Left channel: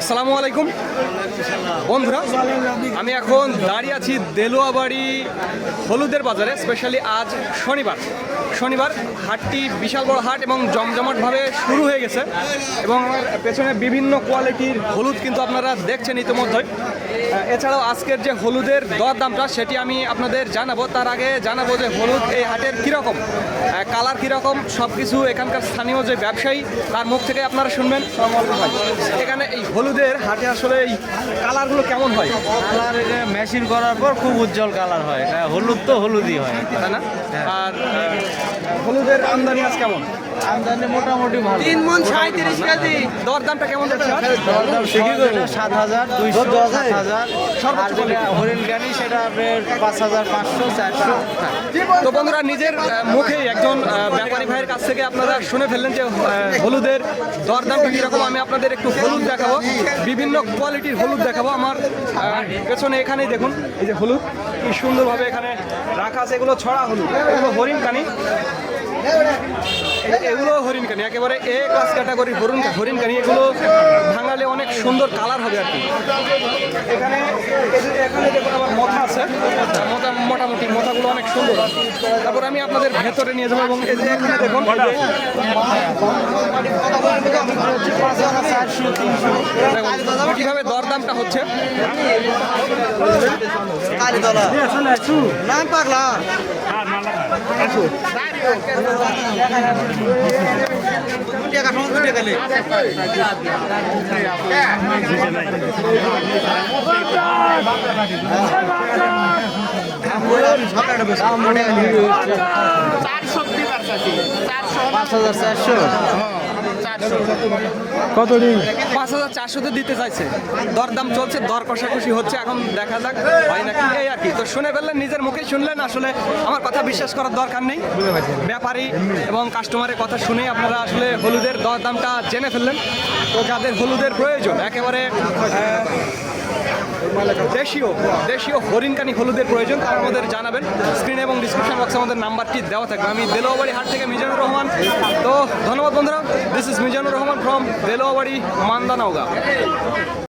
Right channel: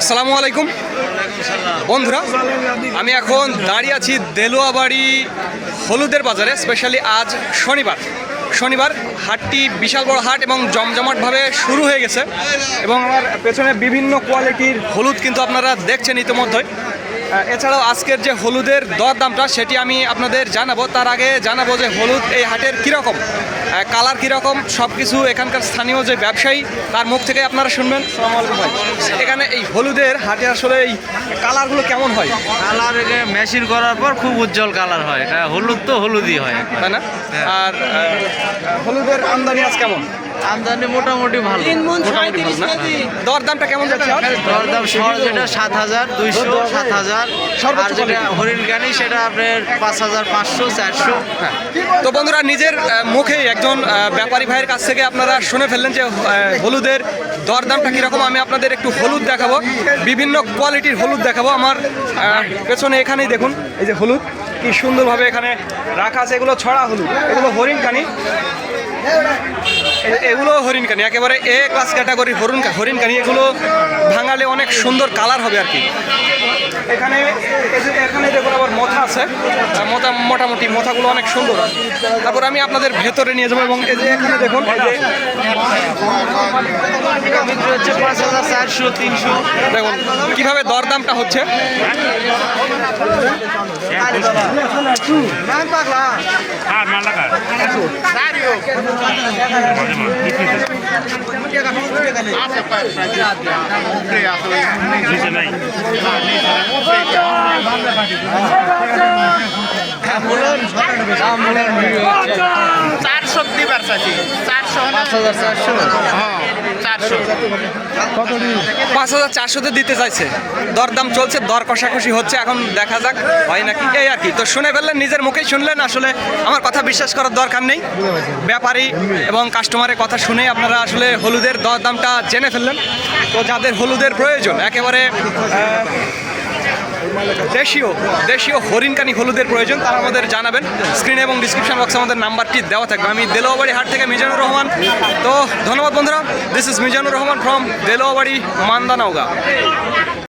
আসসালামু আলাইকুম বন্ধুরা, আমি এখন দাঁড়িয়ে আছি দেলোয়াবাড়ি হলুদের বাজারে। স্পেশালি আজ শনিবার হাটটি বিশাল বড় হাট এবং জমজমাটভাবে শুরু হয়ে গেছে এবং আমার পেছনে বিভিন্ন কোয়ালিটির হলুদ কিন্তু আপনারা দেখছেন ইতিমধ্যেই। এছাড়াও আজকের যে হলুদের দরদামটা সেটি আমি আপনাদের জানাবো। তার আগে জানাবো যে হলুদ এই হাটের কীরকম, কালার কীরকম, সব কিছু এখানকার স্থানীয় যে ব্যবসায়ী তার মুখ থেকে আপনারা শুনবেন। আসসালামু আলাইকুম ভাই, এখানে এই হলুদের হাটে আসলে এই কালারগুলো কেমন হয়? কালার মেশিন করার পর খুব উজ্জ্বল কালার হয়। এটা হলুদ তো হলুদই হয়, তাই না? আর হলুদের আমদানি আজ কেমন? আমদানি মোটামুটি ভালো। 3 মণ 37 কেজি। দরদামটা কেমন যাচ্ছে? দরদাম সর যেটা 7,200, 7,000, আর যেটা হরিণগানি সেটা আপনার 5,500, 400। তো বন্ধুরা, নিজের মুখেই একজন ব্যাপারী ভাইয়ের কাছ থেকে আপনারা শুনে ফেললেন যে হলুদের দরদামটা কীরকম। আমি আপনাদের একটু হলুদ দেখাবো, বিভিন্ন কোয়ালিটির হলুদ দেখাবো। আমার পেছনে এখানেই দেখুন, এই যে হলুদ কি সুন্দরভাবে এখানে রাখা আছে। এগুলো ছড়া হলুদ, এগুলো হরিণকানি, এগুলো হরিণকানি, একেবারে এ ক্লাস ক্যাটাগরি হরিণকানি। এগুলো ভাঙালে অনেক সুন্দর কালার হবে আর কি। এখানে দেখুন আবার মাথা আছে, মোটামুটি মাথাগুলো অনেক সুন্দর। তারপর আমি আপনাদের ভেতরে নিয়ে যাবো এবং এই যে এখানে দেখুন, এই যে হচ্ছে 5,400, 300। দেখুন কীভাবে দরদামটা হচ্ছে। কত 5,400 দিতে চাইছে, দরদাম চলছে, দর কষাকষি হচ্ছে। এখন দেখা যাক হয় নাকি, এই আর কি। তো শুনে ফেললেন, নিজের মুখেই শুনলেন। আসলে আমার কথা বিশ্বাস করার দরকার নেই, ব্যাপারী এবং কাস্টমারের কথা শুনেই আপনারা আসলে হলুদের দরদামটা জেনে ফেললেন। তো যাদের হলুদের প্রয়োজন, একেবারে দেশীয় হরিণকানি হলুদের প্রয়োজন, তারা আমাদের জানাবেন। স্ক্রিনে এবং ডিসক্রিপশন বক্সে আমাদের নাম্বারটি দেওয়া থাকবে। আমি দেলোয়াবাড়ি হাট থেকে মিজানুর রহমান। তো ধন্যবাদ বন্ধুরা, this is Mizanur Rahman from দেলোয়াবাড়ি, মান্দানওগাঁ।